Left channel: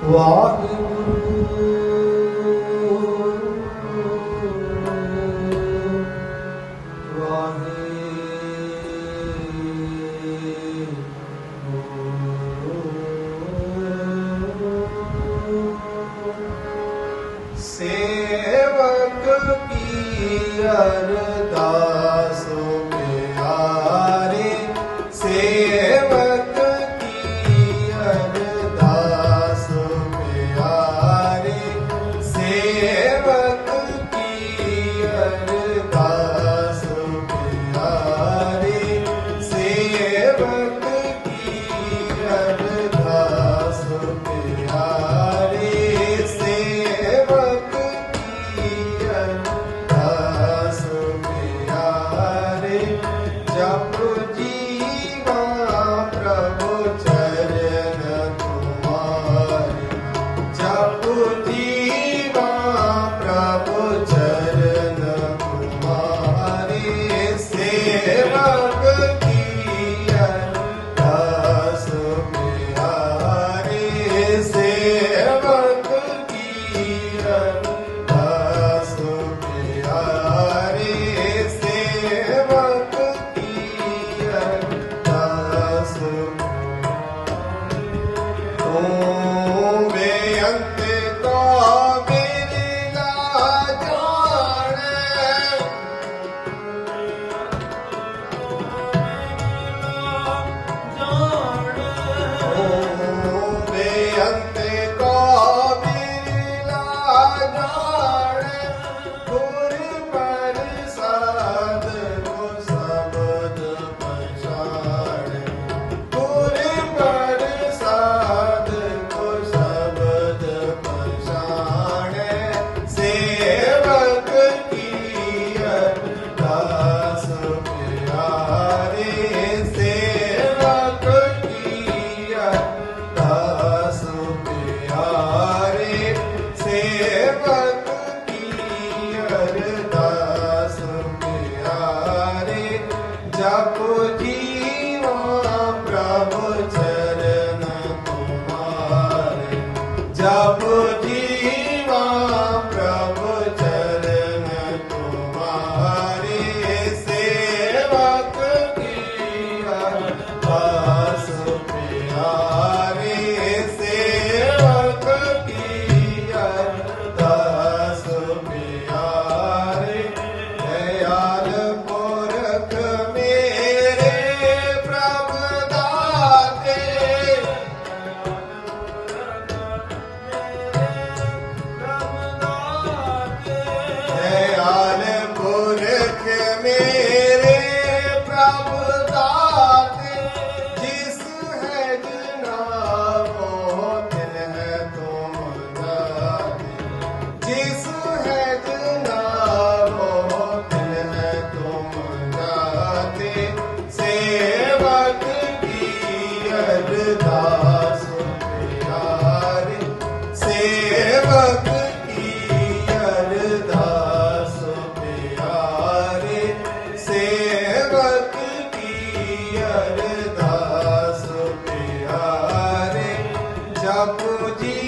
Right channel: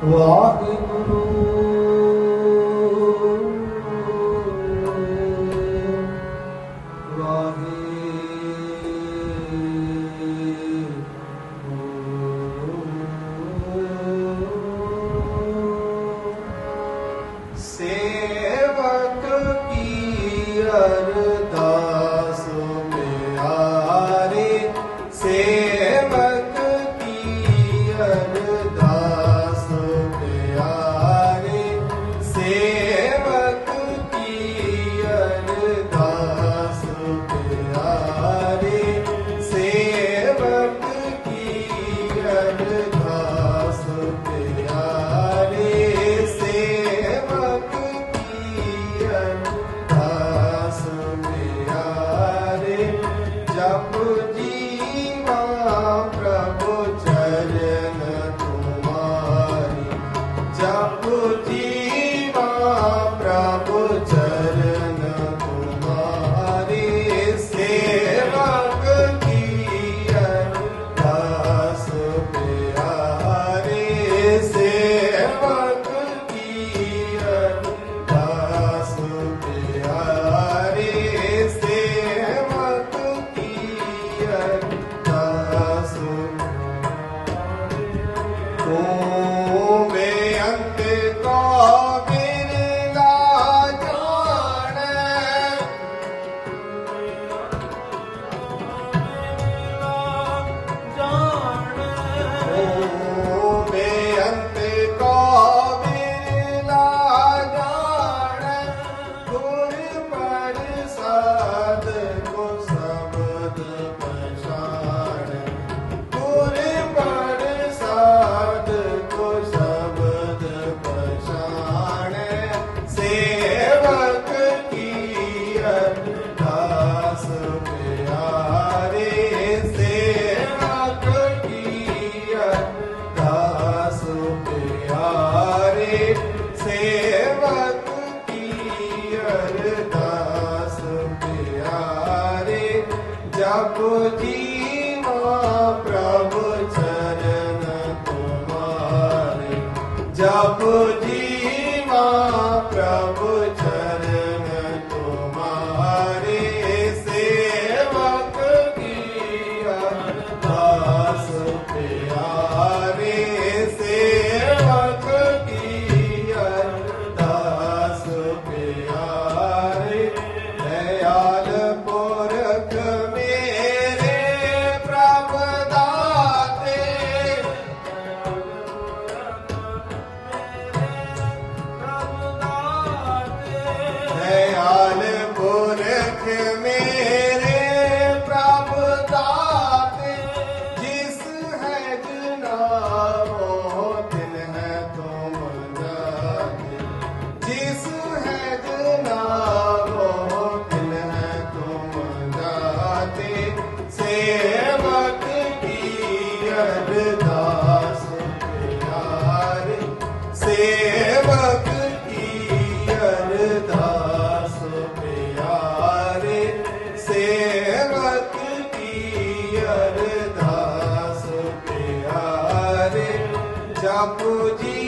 Walk Sobe. Lord Jesus. जप जी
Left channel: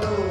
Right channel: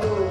Senhor.